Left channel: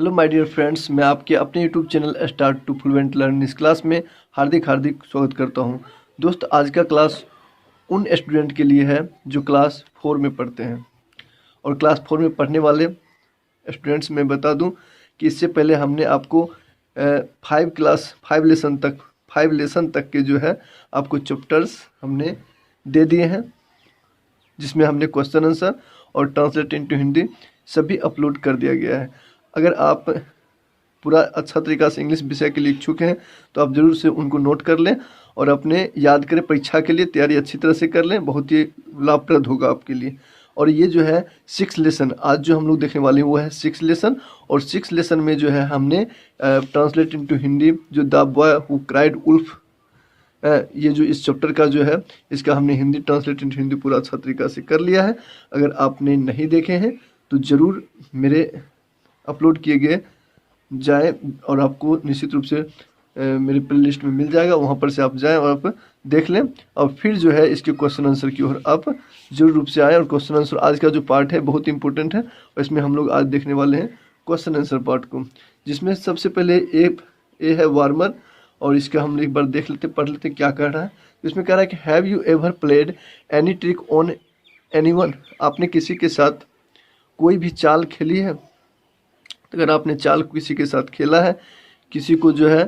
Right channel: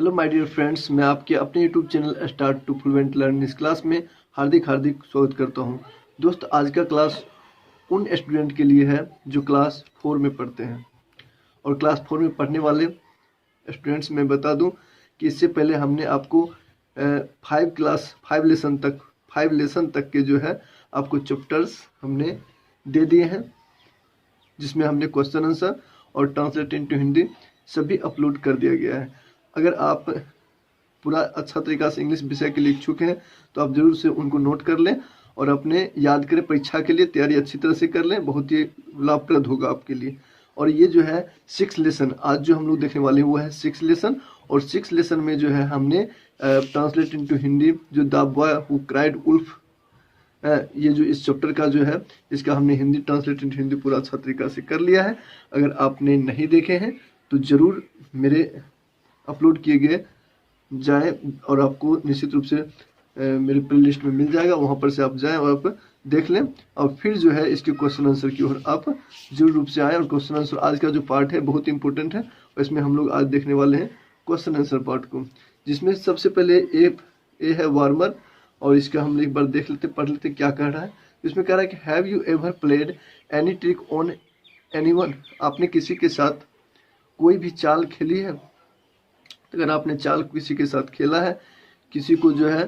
Hello my dear friends, मैं आपके अपने YouTube channel start to fluent learn इस क्लास में हार्दिक हार्दिक स्वागत करता हूं। दोस्त, आज का क्लास उन स्टूडेंट के लिए है जो क्लास 4 में पढ़ते हैं। और क्लास 4 में पढ़ने वाले स्टूडेंट्स में बता दूं कि इससे पहले हमने आपको 5 लेसन तक के जो है आपको चैप्टर्स हमने दे दिए हैं, जिसमें हमने क्वेश्चन आंसर और ट्रांसलेट इनटू हिंदी सभी अपलोड कर दिया गया है। अगर आप पूरा अच्छा तरीका से इंग्लिश विषय के लिए इच्छुक हैं तो आप ज़रूर से उनको नोट कर लें और अपने याद करें, परीक्षा के लिए तैयारी अच्छी तरह से कर लें, बहुत ही लाभप्रद होगा आपके लिए। और ये जो है 6 लेसन आज जो हम लोग देखने वाले हैं वो है 6 लेसन। और 6 लेसन में जो है हमने ट्रांसलेट इनटू हिंदी जो the boy who cried wolf, ये जो इस चैप्टर का जो है इसका हमने हिंदी ट्रांसलेट इनटू हिंदी पूरा अच्छा तरीका से कर लिया है। अगर आपने नहीं देखे हैं तो ज़रूर मेरे अपलोड किए गए जाए और आपको निश्चित रूप से मेरी प्ले लिस्ट में मिल जाएगा, वहाँ पर से आप जाएं और आप देख लें और फिर जो है इसके क्वेश्चन आंसर की ओर आप जरूर रूप से आएँ। और क्वेश्चन आंसर आज का जो पार्ट है बहुत इंपॉर्टेंट है और इसमें हम लोग आज देखने वाले हैं क्वेश्चन आंसर पार्ट को, जिसमें सबसे पहले ए है वार्मर। और इसका हम एक बार देख लेते, पढ़ लेते क्या कह रहा है। इसमें कह रहा है कि have you ever played any trick on anyone, आपने किसी के साथ कोई भी चाल खेली है। अगर आपने चाल किसी के साथ खेला है, किसी को जो है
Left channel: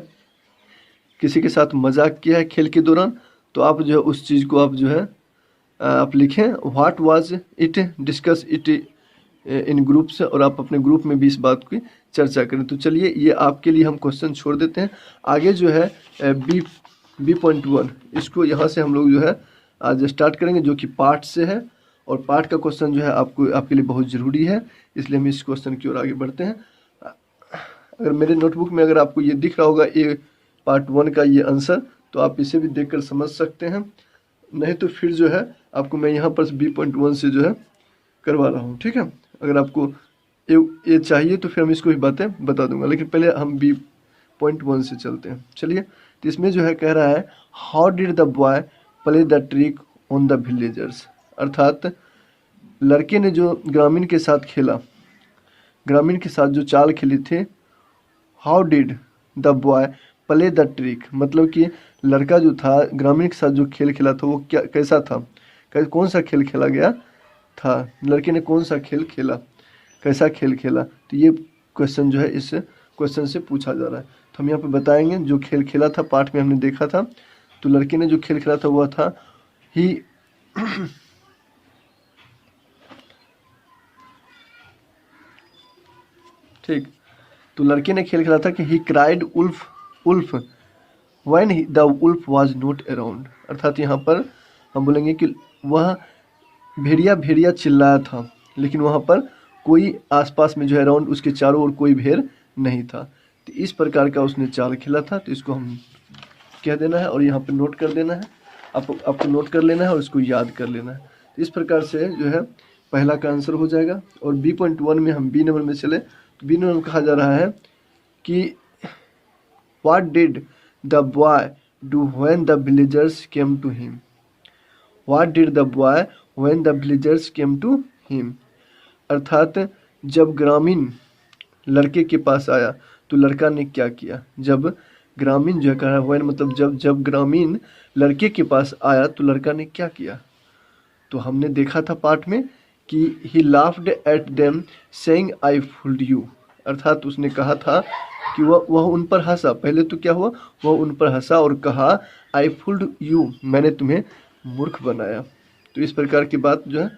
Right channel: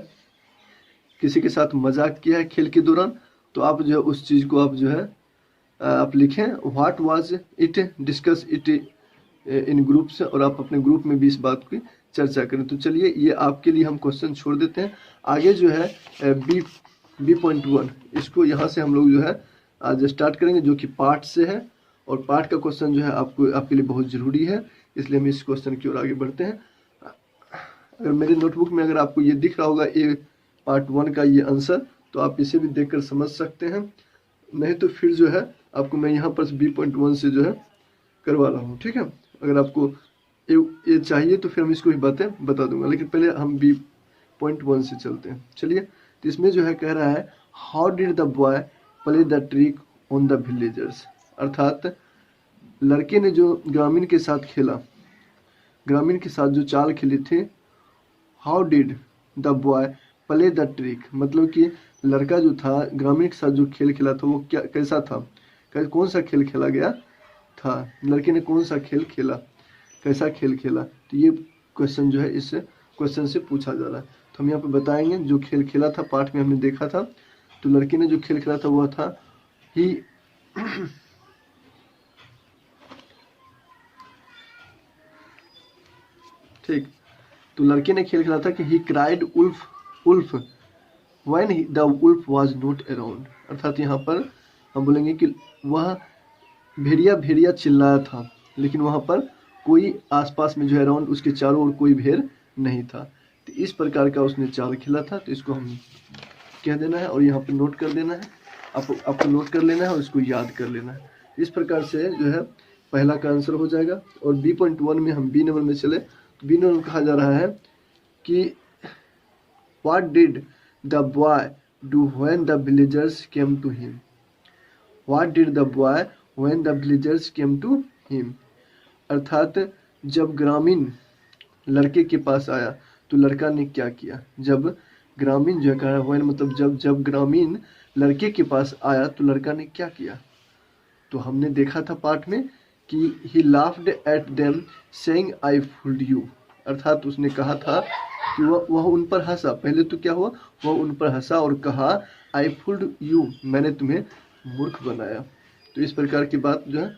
किसी के साथ मजाक किया है खेल के दौरान, तो आप जो है उस चीज़ को आप जो है आप लिखें what was it, discuss it in groups, और आप अपने ग्रुप में भी इस बात की चर्चा करें। तो चलिए ये आपके लिए हम क्वेश्चन छोड़ देते हैं। आगे जो है B.1 इसको यहाँ से हम लोग जो है आज स्टार्ट करेंगे, जो कि पार्ट से है। और पार्ट का क्वेश्चन जो है आपके लिए बहुत ज़रूरी है, इसलिए हम इस क्वेश्चन की ओर आगे बढ़ते हैं। अगर मेरे नोटबुक में अगर आपको ये दिख रहा होगा ए पार्ट 1 का ये आंसर, तो आप इसे भी देखकर समझ सकते हैं। नहीं तो फिर जो है आपको मैं यहाँ पर B.1 से जो है करवा रहा हूँ, ठीक है। अगर आपको ये चाहिए तो फिर हम इसको ही बातें बता दूंगा, लेकिन पहले हम B.1 से चलते हैं। चलिए, तो इसमें जो है कह रहा है how did the boy play the trick on the villagers, अर्थात लड़के ने जो ग्रामीण के साथ खेला, ग्रामीण के साथ जो चाल खेली थी। How did the boy play the trick, मतलब कि लड़का जो था ग्रामीण के साथ जो खेल खेला था वो क्या कैसा था, कौन सा खेल खेला गया था, लड़के ने कौन सा खेल खेला, कैसा खेल खेला। तो ये क्वेश्चन जो है इस क्वेश्चन से पूछा जा रहा है। तो हम यहाँ पे बताएंगे जो खेल खेला था, पाठ में हमने देखा था। तो लड़के ने जो खेल खेला था वह था ही ठीक, तो लड़के ने खेल खेला था कि he cried wolf when the wolf was not around, अर्थात यहाँ पर हम बोलेंगे कि वह भेड़िया चिल्लाया था, लेकिन वहाँ पर कोई आसपास में जो है अराउंड उसके चारों ओर कोई भेड़ नहीं था। तो इस प्रकार का उसने चाल खेला था। तो इसको हम कह देना है और यहाँ पर नोट कर देना है, आपको नोट कर लेना है और इसको याद कर लेना है। तो इस प्रकार से जो है पहला का आंसर हो जाएगा। और B.1 में हम B नंबर में चले, तो B नंबर में कहा जा रहा है कि what did the boy do when the villagers came to him, what did the boy when the villagers came to him, अर्थात जब ग्रामीण लड़के के पास आया तो लड़का ने क्या किया। जब ग्रामीण जो कह रहा है व्हेन मतलब जब ग्रामीण लड़के के पास आया तो लड़का ने क्या किया। तो हमने देखा था पाठ में कि ही laughed at them saying I fooled you, अर्थात उसने कहा था कि वह उन पर हंसा। पहले तो क्या हुआ, वह उन पर हंसा और कहा आई फूल्ड यू, मैंने तुम्हें मूर्ख बनाया। तो इस प्रकार की बात जो है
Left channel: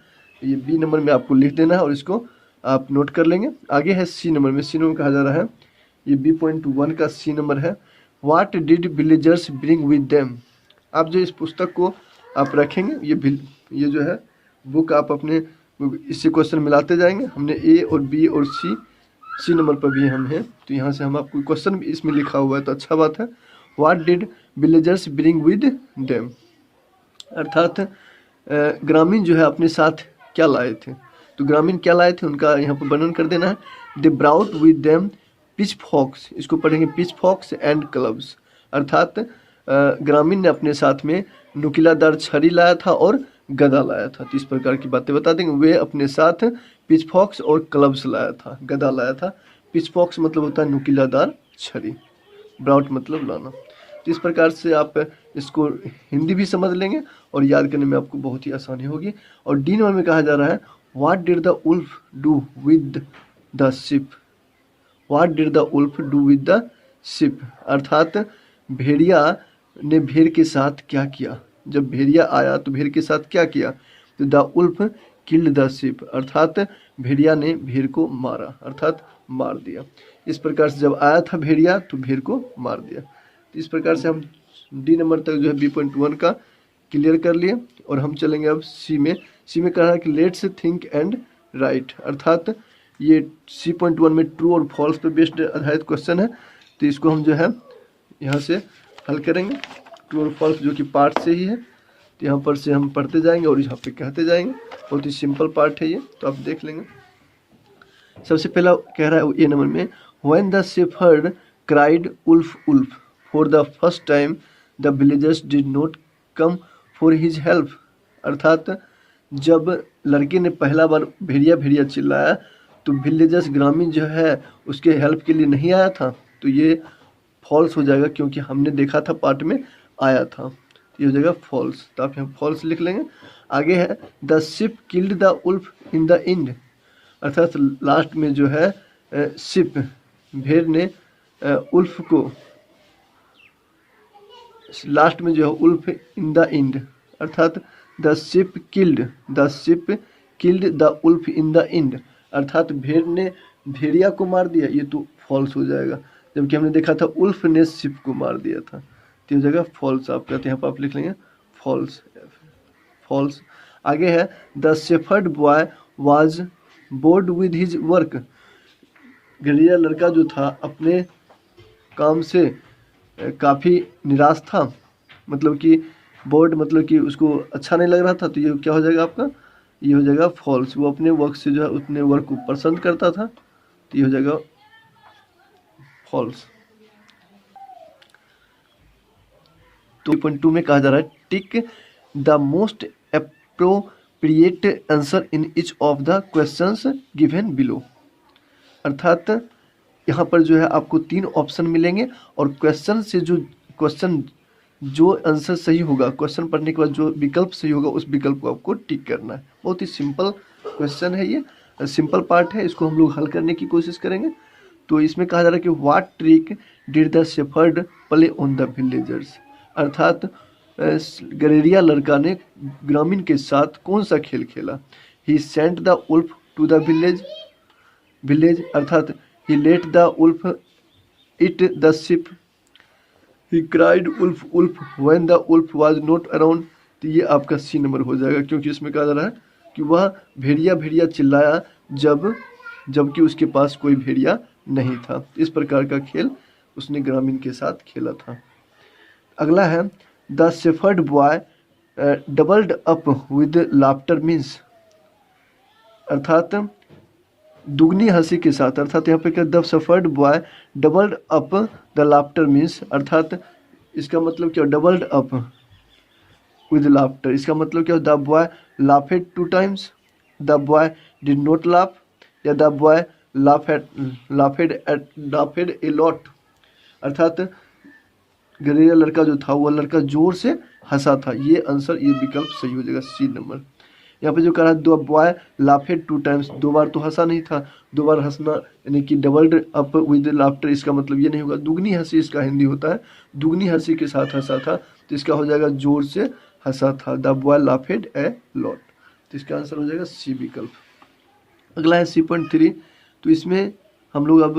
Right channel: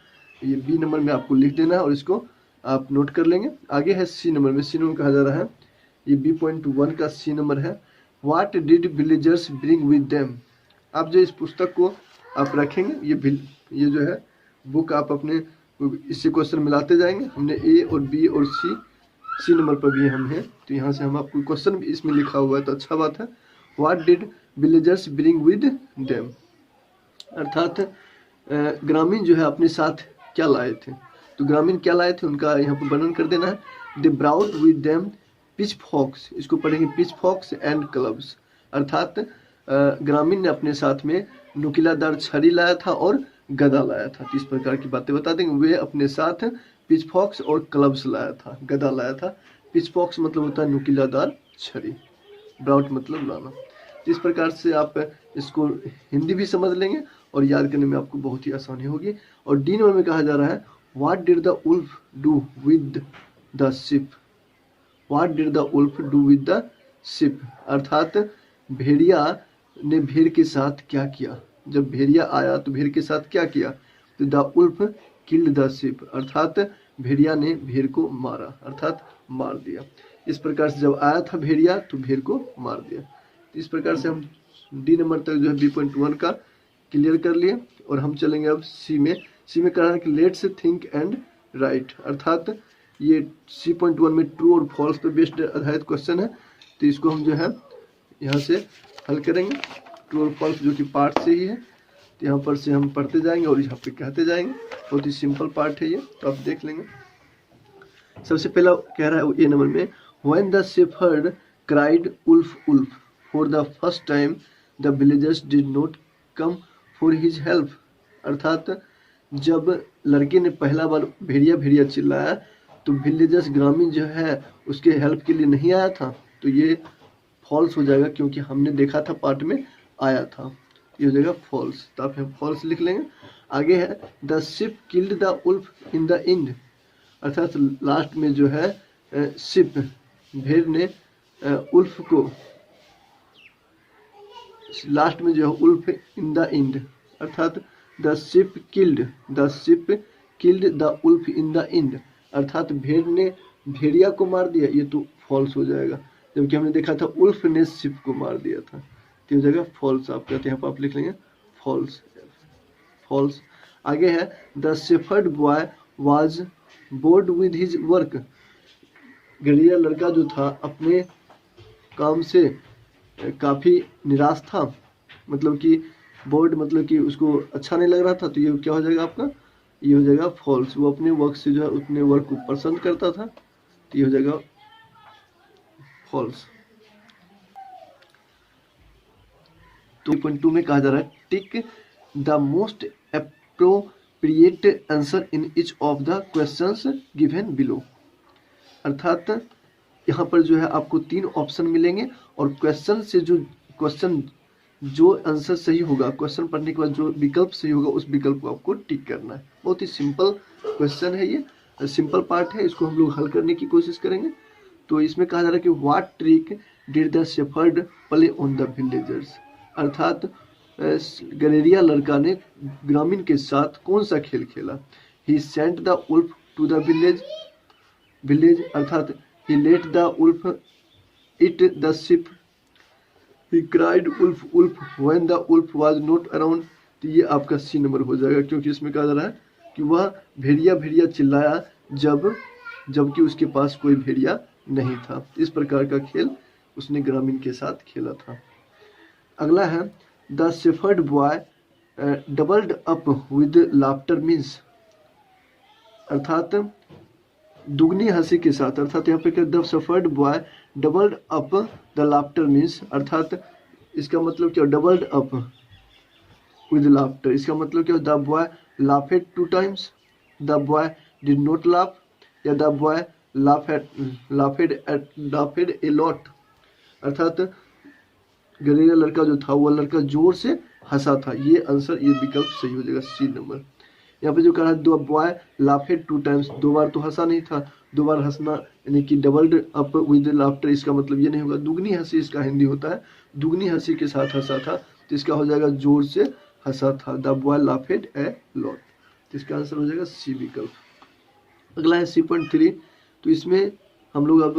ये B नंबर में आपको लिख देना है और इसको आप नोट कर लेंगे। आगे है C नंबर में, C नंबर कहा जा रहा है, ये B.1 का C नंबर है what did villagers bring with them. आप जो इस पुस्तक को आप रखेंगे, ये जो है बुक आप अपने इससे क्वेश्चन मिलाते जाएंगे। हमने A और B और C नंबर पर भी हम हैं, तो यहाँ से हम आपको क्वेश्चन भी इसमें लिखा हुआ है, तो अच्छा बात है। What did villagers bring with them, अर्थात ग्रामीण जो है अपने साथ क्या लाए थे। तो ग्रामीण क्या लाए थे उनका यहाँ पर वर्णन कर देना है। They brought with them pitchforks, इसको पढ़ेंगे पिच फॉक्स एंड क्लब्स, अर्थात ग्रामीण ने अपने साथ में नुकीलादार छड़ी लाया था और गदा लाया था। तो इस प्रकार की बातें बता देंगे। वे अपने साथ पिच फॉक्स और क्लब्स लाया था, गदा लाया था, पिचफॉक्स मतलब होता है नुकीलादार छड़ी, ब्राउट मतलब लाना। तो इस प्रकार से आप इसको हिंदी भी समझ लेंगे और याद करने में आपको बहुत ही आसानी होगी। और डी नंबर में कहा जा रहा है what did the wolf do with the sheep. What did the wolf do with the sheep, अर्थात भेड़िया ने भेड़ के साथ क्या किया। जब भेड़िया आया तो भेड़ के साथ क्या किया, तो the wolf killed the sheep, अर्थात भेड़िया ने भेड़ को मारा, अर्थात मार दिया। इस प्रकार से जब आया था भेड़िया तो भेड़ को मार दिया। तो इस प्रकार से हम डी नंबर तक जो है B.1 का क्लियर कर लिए। और हम चलेंगे अब सी में। सी में कह रहा है कि लेट्स थिंक एंड राइट, अर्थात ये C.1 में ट्रू और फॉल्स पे बेस्ड आधारित क्वेश्चन है। तो इसको हम जो है यहाँ से हल करेंगे, ट्रू और फॉल्स जो कि पार्ट से ही है। तो यहाँ पर से हम पढ़ते जाएंगे और यहाँ पे कहते जाएंगे। बहुत ही सिंपल पार्ट है ये, तो आप देख लेंगे। सबसे पहला कह रहा है ए नंबर में when the shepherd cried wolf wolf for the first time the villagers did not come for his help, अर्थात जब लड़के ने पहला बार भेड़िया भेड़िया चिल्लाया तो विलेजर्स ग्रामीण जो है उसके हेल्प के लिए नहीं आया था। तो ये फॉल्स हो जाएगा क्योंकि हमने देखा था पार्ट में आया था, ये हो जाएगा फॉल्स। तो आप यहाँ फॉल्स लिख लेंगे। आगे है the sheep killed the wolf in the end, अर्थात लास्ट में जो है शिप भेड़ ने उल्फ को, लास्ट में जो है उल्फ इन द एंड, अर्थात the sheep killed the wolf in the end, अर्थात भेड़ ने भेड़िया को मार दिया, ये तो फॉल्स हो जाएगा। जबकि हमने देखा था उल्फ ने शिप को मार दिया था, तो हो जाएगा फॉल्स। आप कहते हैं, यहाँ पर आप लिख लेंगे फॉल्स, फॉल्स। आगे है the shepherd boy was bored with his work, गरीबा लड़का जो था अपने काम से काफ़ी निराश था, मतलब कि बोर्ड मतलब कि उसको अच्छा नहीं लग रहा था। तो ये क्या हो जाएगा आपका, ये हो जाएगा फॉल्स। वो अपने वर्क से जो है उतने वर्क को पसंद करता था, तो ये हो जाएगा फॉल्स। तो 2 में कहा जा रहा है tick the most appropriate answer in each of the questions given below, अर्थात यहाँ पर जो है आपको 3 ऑप्शन मिलेंगे और क्वेश्चन से जो आंसर सही होगा, क्वेश्चन पढ़ने के बाद जो विकल्प सही होगा उस विकल्प को आपको टिक करना है। बहुत ही सिंपल क्वेश्चन है, ये सिंपल पार्ट है, इसको हम लोग हल करने की कोशिश करेंगे। तो इसमें कहा जा रहा है कि what trick did the shepherd play on the villagers, अर्थात गलेरिया लड़का ने ग्रामीण के साथ कौन सा खेल खेला। He sent the wolf to the village, अर्थात he let the wolf eat the sheep, he cried wolf wolf when the wolf was not around. तो ये आपका सी नंबर हो जाएगा, क्योंकि इसमें कहा जा रहा है कि वह भेड़िया भेड़िया चिल्लाया जबकि उसके पास कोई भेड़िया नहीं था। इस प्रकार का खेल उसने ग्रामीण के साथ खेला था। अगला है the shepherd boy doubled up with laughter means, अर्थात दुगनी हंसी के साथ, अर्थात यहाँ पे क्या the shepherd boy doubled up the laughter means, अर्थात इसका मतलब क्या डबल्ड अप विद लाफ्टर, इसका मतलब क्या the boy laughed 2 times, the boy did not laugh, या the boy laughed a lot, अर्थात गरीबा लड़का जो था वो लड़का जोर से हंसा था। ये आंसर, ये विकल्प सही हो जाएगा, सी नंबर। यहाँ पे जो कह रहा है द बॉय लाफेड 2 times, 2 बार तो हंसा नहीं था, 2 बार हंसना यानी कि डबल्ड अप विद लाफ्टर, इसका मतलब ये नहीं होगा। दुगनी हंसी इसका हिंदी होता है, दुगनी हंसी के साथ हंसा था, तो इसका हो जाएगा जोर से हंसा था, the boy laughed a lot. तो इसका आंसर हो जाएगा सी विकल्प। अगला है C.3। तो इसमें हम लोग अब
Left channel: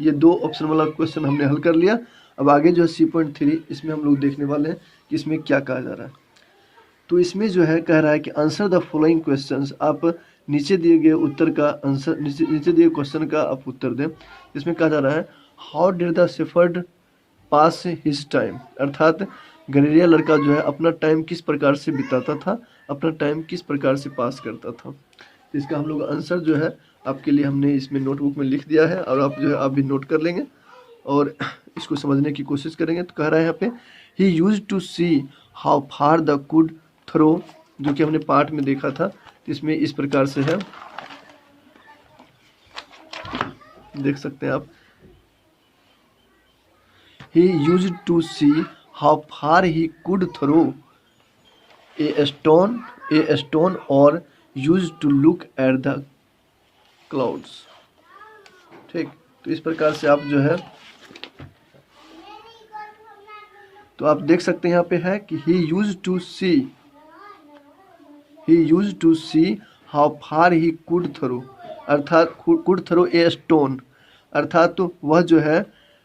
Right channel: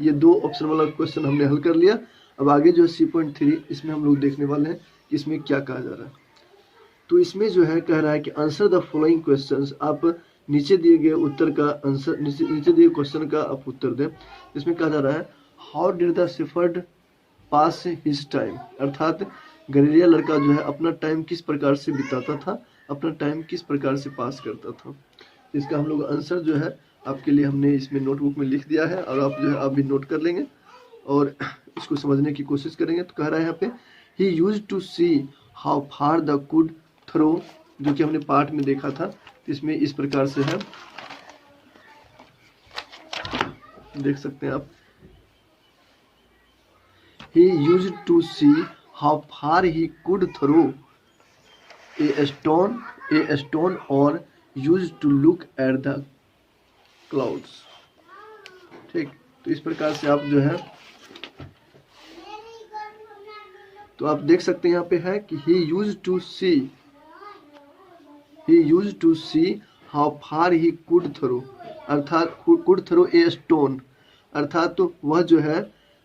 ये 2 ऑप्शन वाला क्वेश्चन हमने हल कर लिया। अब आगे जो है C.3, इसमें हम लोग देखने वाले हैं कि इसमें क्या कहा जा रहा है। तो इसमें जो है कह रहा है कि आंसर द फॉलोइंग क्वेश्चंस, आप नीचे दिए गए उत्तर का आंसर, नीचे दिए क्वेश्चन का आप उत्तर दें। इसमें कहा जा रहा है how did the shepherd pass his time, अर्थात गलेरिया लड़का जो है अपना टाइम किस प्रकार से बिताता था, अपना टाइम किस प्रकार से पास करता था। इसका हम लोग आंसर जो है आपके लिए हमने इसमें नोटबुक में लिख दिया है, और आप जो है आप भी नोट कर लेंगे और इसको समझने की कोशिश करेंगे। तो कह रहा है यहाँ पे he used to see how far the could throw, जो कि हमने पार्ट में देखा था। इसमें इस प्रकार से है, देख सकते हैं आप। He used to see how far he could throw a stone or used to look at the clouds। ठीक, तो इस प्रकार से आप जो है, तो आप देख सकते हैं यहाँ पे है कि he used to see how far he could throw, अर्थात could throw a stone, अर्थात तो वह जो है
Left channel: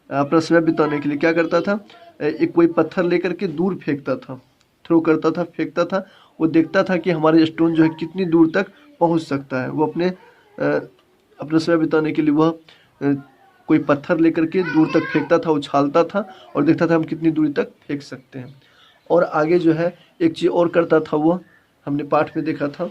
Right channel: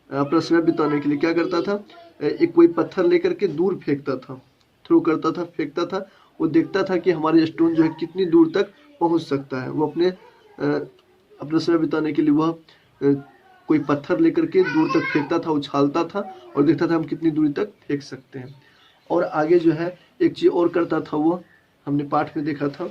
अपना समय बिताने के लिए क्या करता था, एक कोई पत्थर लेकर के दूर फेंकता था, थ्रो करता था, फेंकता था। वो देखता था कि हमारे स्टोन जो है कितनी दूर तक पहुंच सकता है। वो अपना समय बिताने के लिए वह कोई पत्थर लेकर के दूर तक फेंकता था, उछालता था और देखता था हम कितनी दूरी तक फेंक सकते हैं। और आगे जो है एक चीज़ और करता था, वो हमने पाठ में देखा था।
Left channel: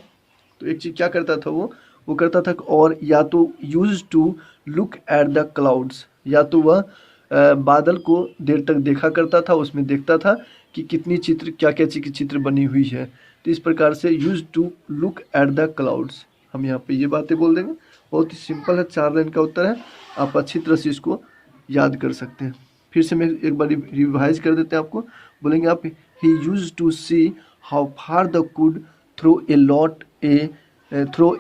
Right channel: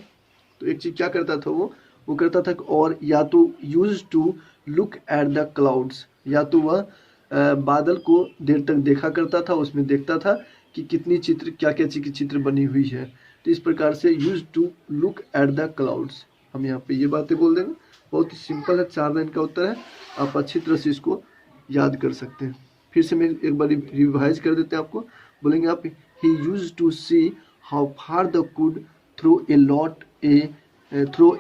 तो एक चीज़ क्या करता था वो करता था, और या तो use to look at the clouds, या तो वह बादल को देर तक देखा करता था, उसमें देखता था कि कितनी चित्र, क्या क्या चित्र बनी हुई है। तो इस प्रकार से use to look at the clouds, हम यहाँ पे ये बातें बोल देंगे। बहुत ही सिंपल है, 4 लाइन का उत्तर है, आप अच्छी तरह से इसको याद कर सकते हैं। फिर से मैं एक बार रिवाइज कर देते हैं आपको। बोलेंगे आप, he used to see how far the could throw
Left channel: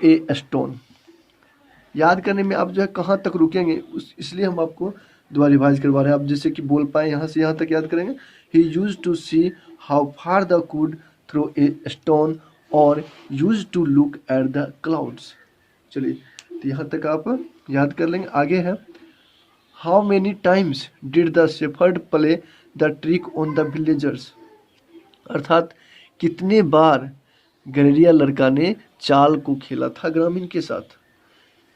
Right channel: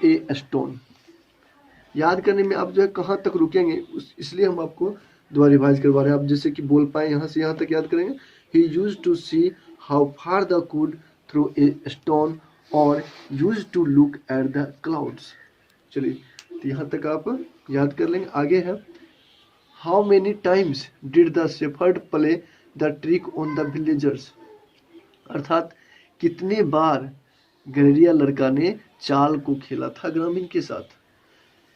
a stone. याद करने में आप जो है कहाँ तक रुकेंगे, इसलिए हम आपको दोबारा रिवाइज करवा रहे हैं। आप जैसे कि बोल पाए यहाँ से यहाँ तक याद करेंगे। He used to see how far the could throw a stone और used to look at the clouds. चलिए, तो यहाँ तक आप याद कर लेंगे। आगे है, how many times did the shepherd play the trick on the villagers, अर्थात कितने बार गनरिया लड़का ने चाल को खेला था ग्रामीण के साथ,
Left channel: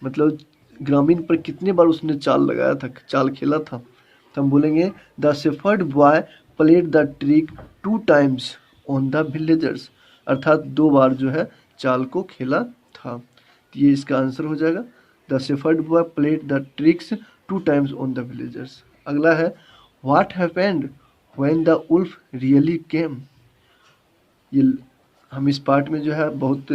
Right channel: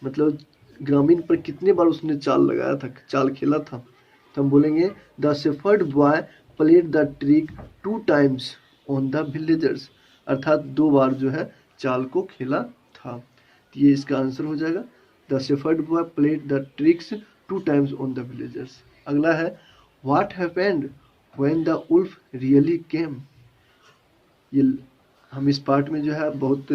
मतलब ग्रामीण पर कितने बार उसने चाल लगाया था, चाल खेला था। तो हम बोलेंगे the shepherd boy played the trick 2 times on the villagers, अर्थात 2 बार जो है चाल को खेला था। तो ये इसका आंसर हो जाएगा, the shepherd boy played the tricks 2 times on the villagers. अगला है, what happened when the wolf really came. ये हम इस पार्ट में जो है बहुत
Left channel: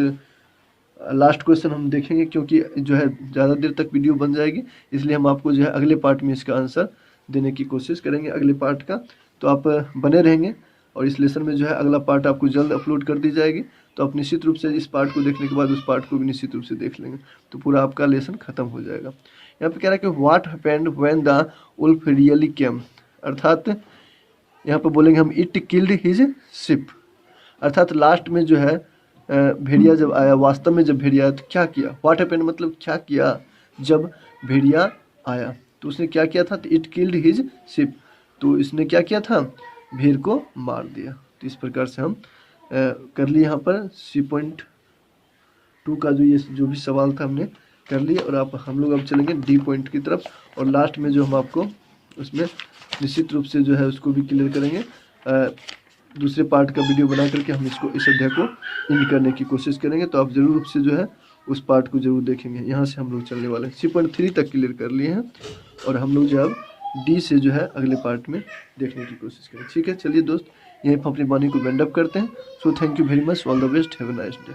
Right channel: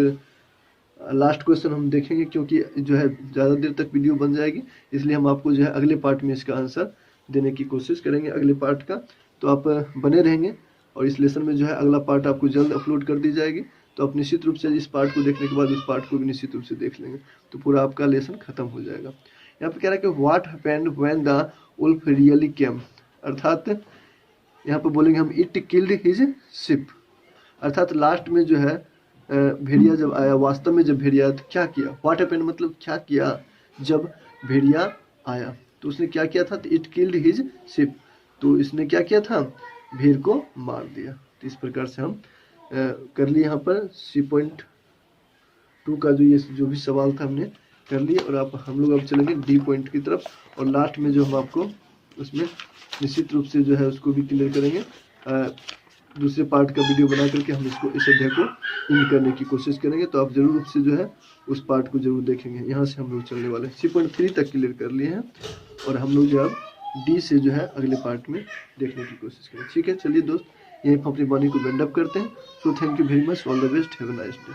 लास्ट क्वेश्चन हम देखेंगे, क्योंकि जो है ज़्यादा देर तक वीडियो बन जाएगी, इसलिए हम आपको जो है अगले पार्ट में इसका आंसर देने की कोशिश करेंगे, अगले पार्ट का। तो आप बने रहेंगे, और इस लेसन में जो है अगला पार्ट आपको जल्द अपलोड कर दी जाएगी। तो आप निश्चित रूप से इस पार्ट को देखने के बाद उस पार्ट को भी निश्चित रूप से देख लेंगे, तो पूरा आपका लेसन खत्म हो जाएगा। यहाँ पे कह रहा है कि what happened when the wolf really came, अर्थात यहाँ पर बोलेंगे हम, इट किल्ड हिज शिप, अर्थात लास्ट में जो है भेड़िया जब आया, वास्तव में जब भेड़िया आया तो क्या किया। व्हाट हैपेंड मतलब क्या किया जब भेड़िया आया, तो उसने क्या किया था, तो इट किल्ड हिज शिप, तो इसने क्या किया था, भेड़ को मार दिया। तो इस प्रकार से हम कर लिए यहाँ पर C.2 का जो भी सवाल था हमने कर लिया। और हम लोग अब चलेंगे डी पॉइंट की तरफ, और लास्ट में जो हम आपको उसमें निश्चित रूप से जो है उसको भी क्लियर करेंगे। दूसरे पार्ट का वीडियो बना करके हम इस अध्याय को इन करने की कोशिश करेंगे। तो आप जरूर रूप से जो है उस पार्ट को जरूर देखेंगे। यहाँ से हम लोग चलने वाले हैं, C.3 तक क्लियर कर लिए हैं, और हम लोग जो है डी से जो है अगले पार्ट में देखने की कोशिश करें। ठीक है, चलिए दोस्त, यहीं पर अपनी वाणी को वाइंड अप करते हैं। So thank you very much, all the best, have a nice day.